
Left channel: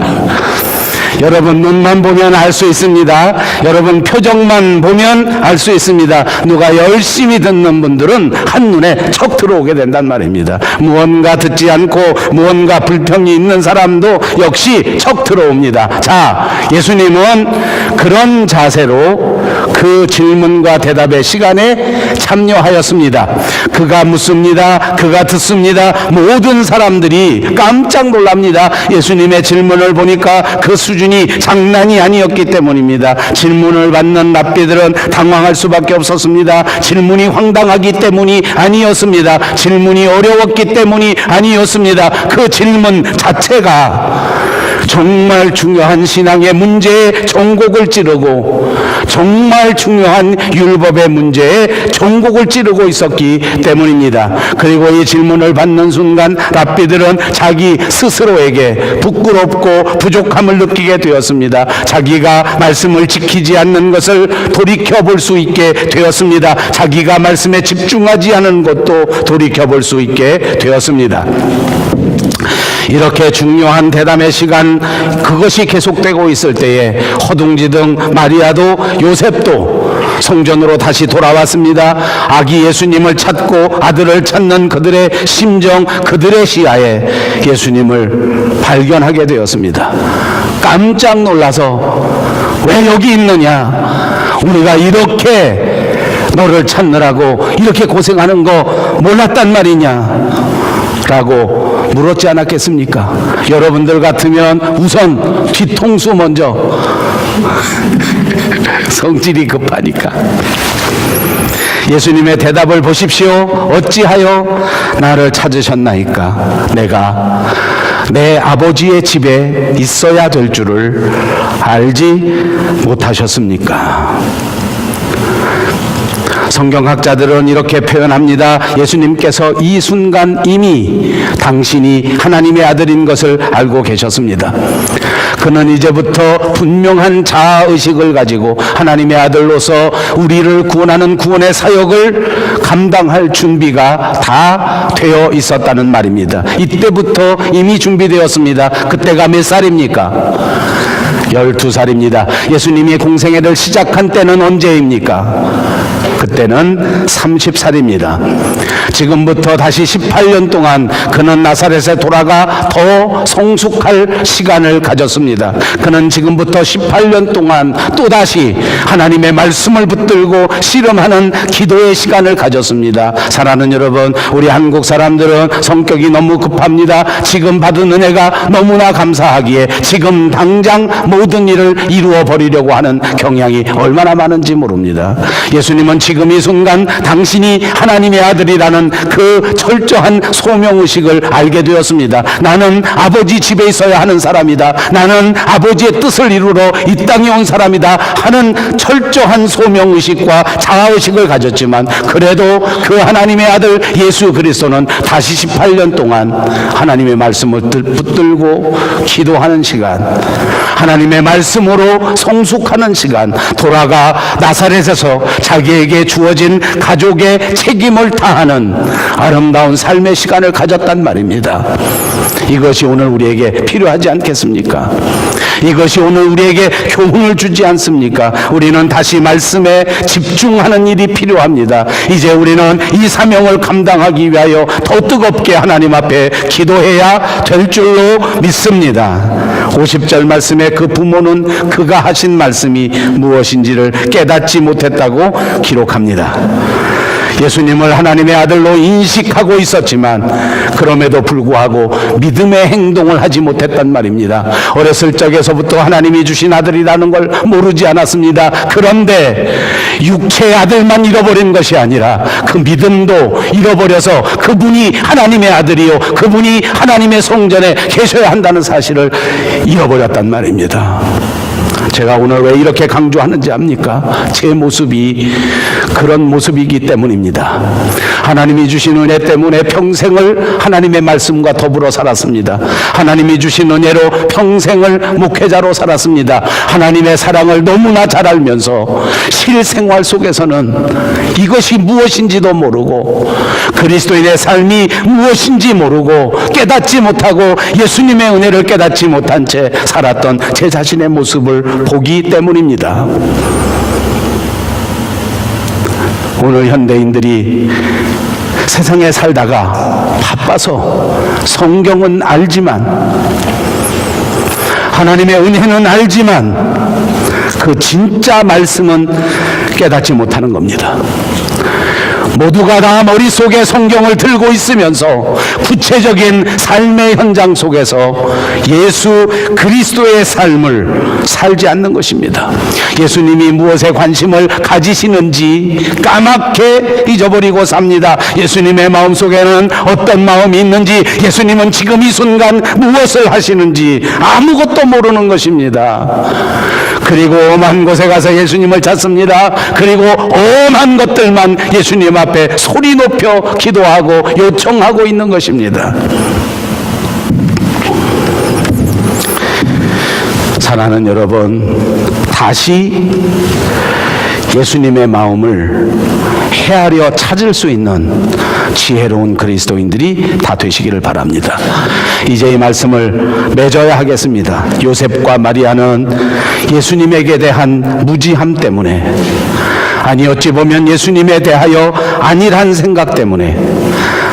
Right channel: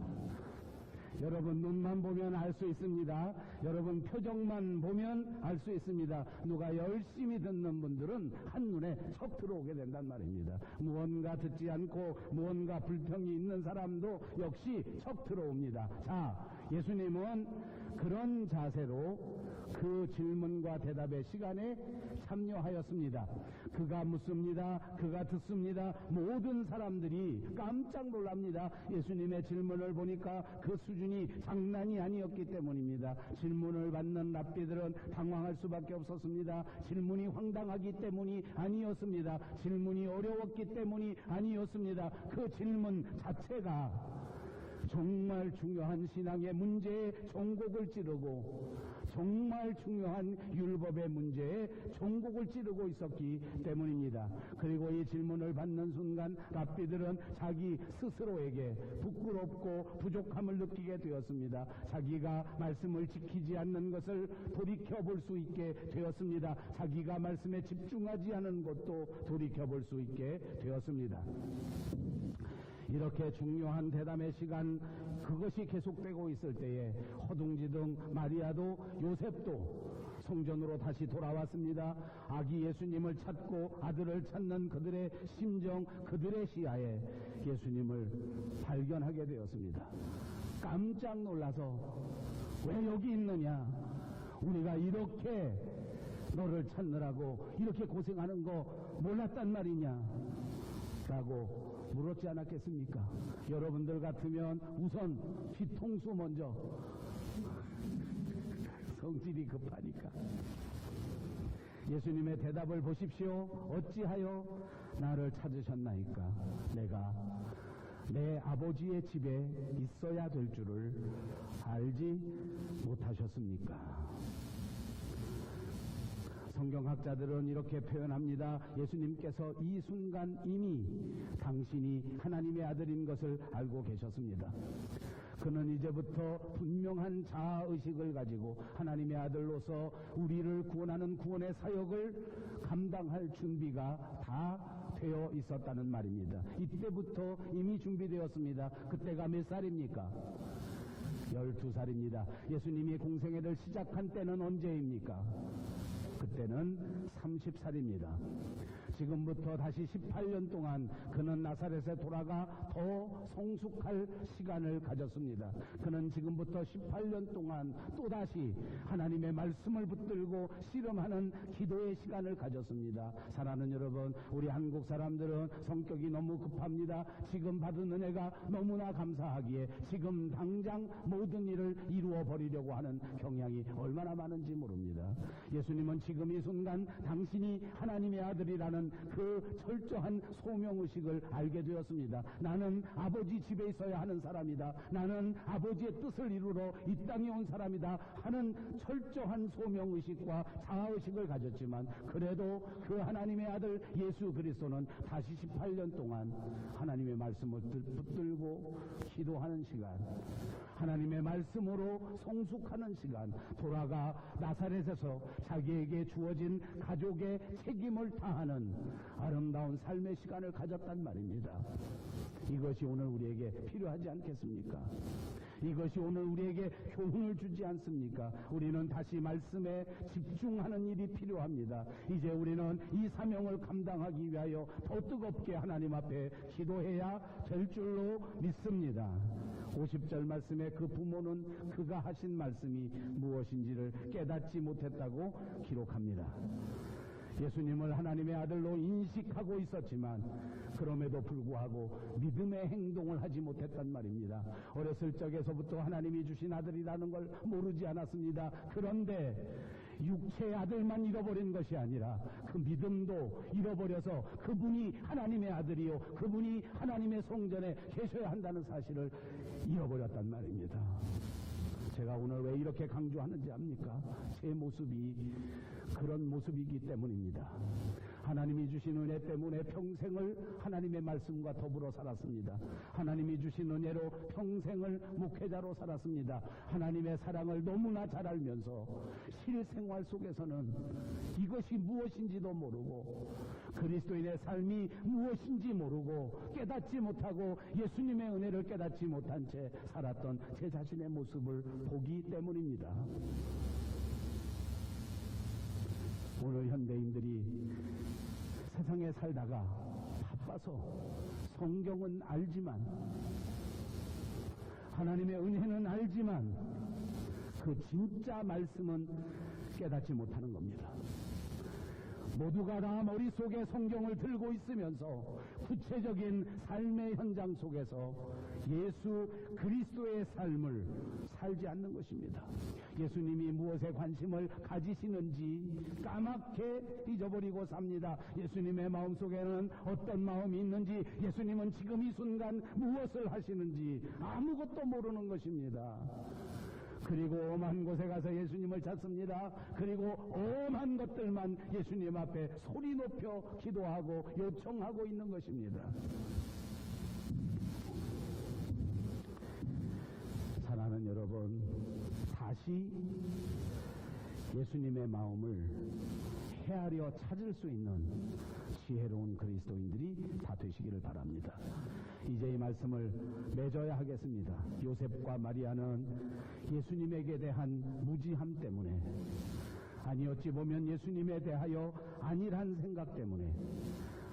여러분 눈만 보면 알 수 있습니다. 여러분 표정만 보면 알 수 있습니다. 누가 열심히 듣는 분들은 한눈에 척 들어오게 된단 말입니다. 무언가 듣지 않고 무언가 불평이 있는 사람도 역시 척 들어옵니다. 자, 예수님은 그런 자세로 그 질문과 대답의 시간에 참여하였습니다. 그가 묻습니다. 그가 듣습니다. 모든 사람들이 깜짝 놀랍니다. 예수님의 질문을 보니까 그 수준이 장난이 아니었기 때문입니다. 질문을 받는 랍비들은 당황할 수밖에 없었습니다. 질문이 황당하기 때문이 아니었습니다. 질문이 어려웠기 때문이 아니었습니다. 그 질문 자체가 정말 중요한 신앙의 문제에 종곡을 찌르고 정말 중요한 율법의 문제에 종곡을 찌르고 있었기 때문입니다. 그리고 이 질문을 받는 순간 랍비들은 자기 스스로에게 부끄럽고 부족함을 느끼게 되었습니다. 자기가 말씀을 지키지 않는 것을 돌이켜볼 수 있게 되었습니다. 자기가 말씀에 집중하지 않은 것도 돌이켜볼 수 있게 되었습니다. 이렇게 중요한 대담의 시간, 그것이 계속되고 있을 때에 허둥지둥 마리아도 요셉도 성전으로 다시 돌아왔습니다. 아기 예수님을 찾고 아들을 찾는 그들의 심정, 그들의 시야에 예수님을 발견하게 되었습니다. 깜짝 놀라서 왜 여기 있느냐? 우리가 이렇게 너를 찾느라고 이렇게 고생하는 거 몰랐단 말이냐? 라고 물었지 않았겠습니까? 여러분들 같으면 우선 뒤통수 먼저 성질이 급하니까. 예수님의 대답을 보십시오. 어찌하여 나를 찾으셨나이까? 내가 내 아버지의 집에 있어야 될 줄을 알지 못하셨습니까? 성경학자들은 이렇게 표현합니다. 예수님께서 이 순간 이미 당신이 하나님의 아들인 것을 알고 계셨습니다. 그는 이제부터 분명한 자아의식을 가지고 하나님의 아들로서 우리를 구원하는 구원의 사역을 감당할 준비가 다 되어 있었다는 말입니다. 이때부터 이미 준비되었습니다. 그때가 몇 살입니까? 12살입니다. 예수님이 공생애를 시작한 때는 언제입니까? 그때는 30살입니다. 지금부터 다시 18년 동안 그는 나사렛에 돌아가 더 성숙할 시간을 가졌습니다. 그는 지금부터 18년 동안 또다시 하나님의 말씀을 붙들고 씨름하는 기도의 시간을 가졌습니다. 사랑하는 여러분, 우리 한국 사람들은 성격이 너무 급합니다. 지금 받은 은혜가 너무나 감사하기에 지금 당장 모든 일을 이루어 버리려고 하는 경향이 얼마나 많은지 모릅니다. 예수님은 지금 이 순간 당신이 하나님의 아들이라는 그 철저한 소명의식을 알게 되었습니다. 나는 아버지 집에 있어야 하는 사람이다. 나는 아버지의 뜻을 이루러 이 땅에 온 사람이다 하는 철저한 소명의식과 자아의식을 가졌지만 그래도 그 하나님의 아들 예수 그리스도는 다시 18년 동안 하나님의 말씀을 붙들고 기도하는 시간, 하나님의 말씀으로 성숙하는 시간, 돌아가 나사렛에서 자기에게 주어진 가족의 책임을 다하는 아름다운 삶의 시간을 가졌단 말입니다. 이것이 오늘 우리에게 필요하지 않겠습니까? 이것이 오늘 우리에게 교훈을 주지 않습니까? 우리는 다시 말씀에 집중하는 일이 필요합니다. 이제 우리는 이 사명을 감당하기 위하여 더 뜨겁게 하나님 앞에 기도해야 될 줄로 믿습니다. 50절 말씀에 그 부모는 그가 하신 말씀이 무엇인지를 깨닫지 못했다고 기록합니다. 예수님을 하나님의 아들로 인식하고 있었지만 그럼에도 불구하고 믿음의 행동을 하지 못했단 말입니다. 어렸을 적에서부터 하나님이 주신 아들이라는 걸 모르지 않았습니다. 그런데 육체의 아들만 잃어버린 것이 아니라 그 믿음도 잃어버려서 그분이 하나님의 아들이요, 그분이 하나님의 성전에 계셔야 한다는 사실을 잃어버렸단 말입니다. 제가 오늘 왜 이렇게 강조하는지 압니까? 제 모습이 그런 모습이기 때문입니다. 하나님이 주신 은혜 때문에 평생을 하나님의 말씀과 더불어 살았습니다. 하나님이 주신 은혜로 평생을 목회자로 살았습니다. 하나님의 사랑을 너무나 잘 알면서 실생활 속에서는 이것이 무엇인지도 모르고 그리스도인의 삶이 무엇인지 모르고 깨닫지 못하고 예수님의 은혜를 깨닫지 못한 채 살았던 제 자신의 모습을 보기 때문입니다. 오늘 현대인들이 세상에 살다가 바빠서 성경은 알지만 하나님의 은혜는 알지만 그 진짜 말씀은 깨닫지 못하는 겁니다. 모두가 다 머릿속에 성경을 들고 있으면서 구체적인 삶의 현장 속에서 예수 그리스도의 삶을 살지 않는 것입니다. 예수님이 무엇에 관심을 가지시는지 까맣게 잊어버리고 삽니다. 예수님의 마음속에는 어떤 마음이 있는지, 예수님은 지금 이 순간 무엇을 하시는지 아무것도 모르는 것입니다. 그리고 엄한 곳에 가서 예수님을 찾습니다. 그리고 엄한 것들만 예수님 앞에 소리 높여 기도하고 요청하고 있는 것입니다. 사랑하는 여러분, 다시 예수님의 마음을 헤아려 찾을 수 있는 지혜로운 그리스도인들이 다 되시기를 바랍니다. 이제 이 말씀을 맺어야 하겠습니다. 요셉과 마리아는 예수님에게 대한 무지함 때문에, 아니 어찌 보면 예수님에 대하여 안일한 생각 때문에,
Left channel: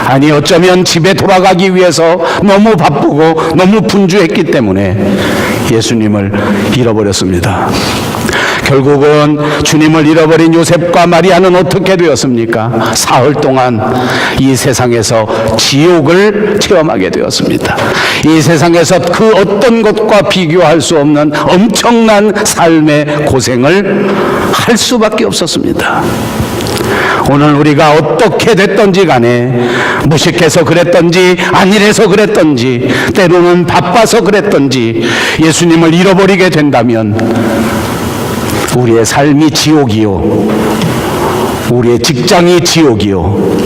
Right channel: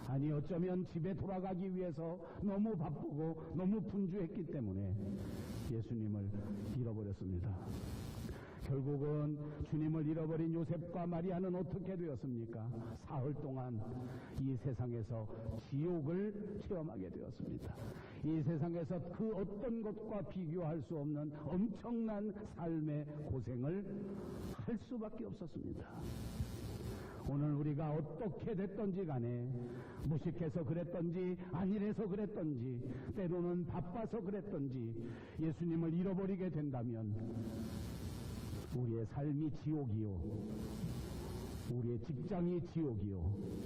아니 어쩌면 집에 돌아가기 위해서 너무 바쁘고 너무 분주했기 때문에 예수님을 잃어버렸습니다. 결국은 주님을 잃어버린 요셉과 마리아는 어떻게 되었습니까? 사흘 동안 이 세상에서 지옥을 체험하게 되었습니다. 이 세상에서 그 어떤 것과 비교할 수 없는 엄청난 삶의 고생을 할 수밖에 없었습니다. 오늘 우리가 어떻게 됐던지 간에, 무식해서 그랬던지 안일해서 그랬던지 때로는 바빠서 그랬던지 예수님을 잃어버리게 된다면 우리의 삶이 지옥이요, 우리의 직장이 지옥이요,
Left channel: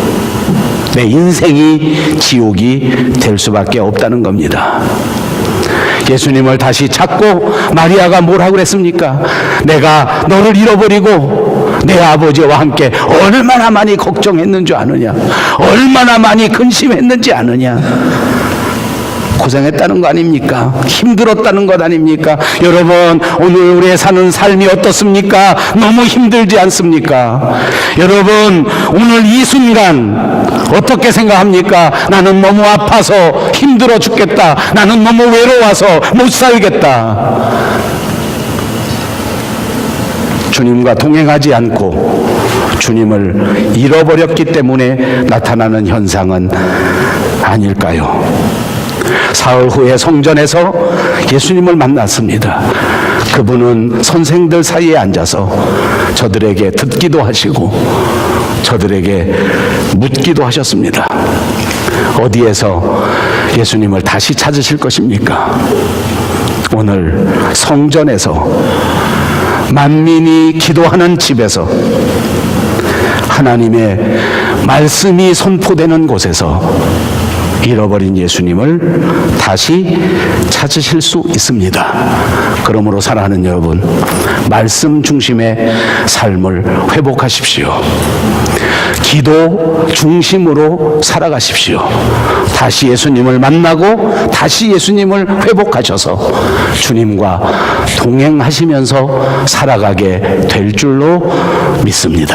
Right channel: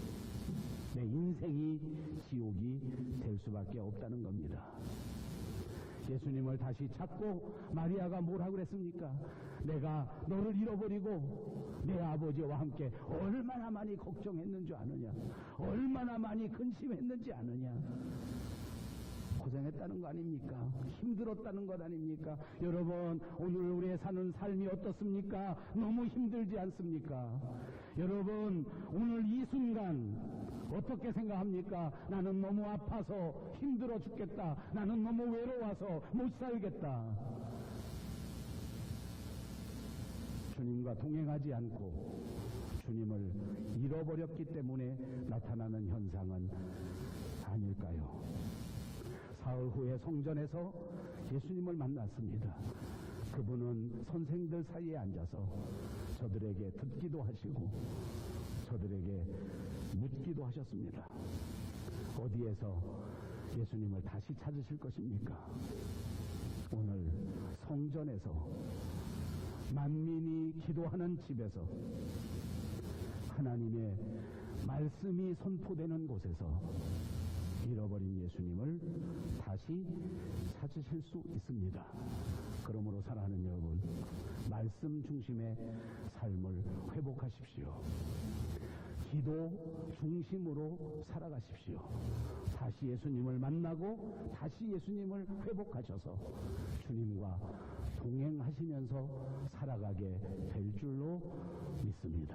내 인생이 지옥이 될 수밖에 없다는 겁니다. 예수님을 다시 찾고 마리아가 뭐라고 그랬습니까? 내가 너를 잃어버리고 내 아버지와 함께 얼마나 많이 걱정했는 줄 아느냐, 얼마나 많이 근심했는지 아느냐. 고생했다는 거 아닙니까? 힘들었다는 것 아닙니까? 여러분, 오늘 우리의 사는 삶이 어떻습니까? 너무 힘들지 않습니까? 여러분, 오늘 이 순간 어떻게 생각합니까? 나는 너무 아파서 힘들어 죽겠다. 나는 너무 외로워서 못 살겠다. 주님과 동행하지 않고 주님을 잃어버렸기 때문에 나타나는 현상은 아닐까요? 사흘 후에 성전에서 예수님을 만났습니다. 그분은 선생들 사이에 앉아서 저들에게 듣기도 하시고 저들에게 묻기도 하셨습니다. 어디에서 예수님을 다시 찾으실 것입니까? 오늘 성전에서, 만민이 기도하는 집에서, 하나님의 말씀이 선포되는 곳에서 잃어버린 예수님을 다시 찾으실 수 있습니다. 그러므로 사랑하는 여러분, 말씀 중심의 삶을 회복하십시오. 기도 중심으로 살아가십시오. 다시 예수님을 만나고 다시 예수님을 회복하셔서 주님과 동행하시면서 살아가게 될 줄로 믿습니다.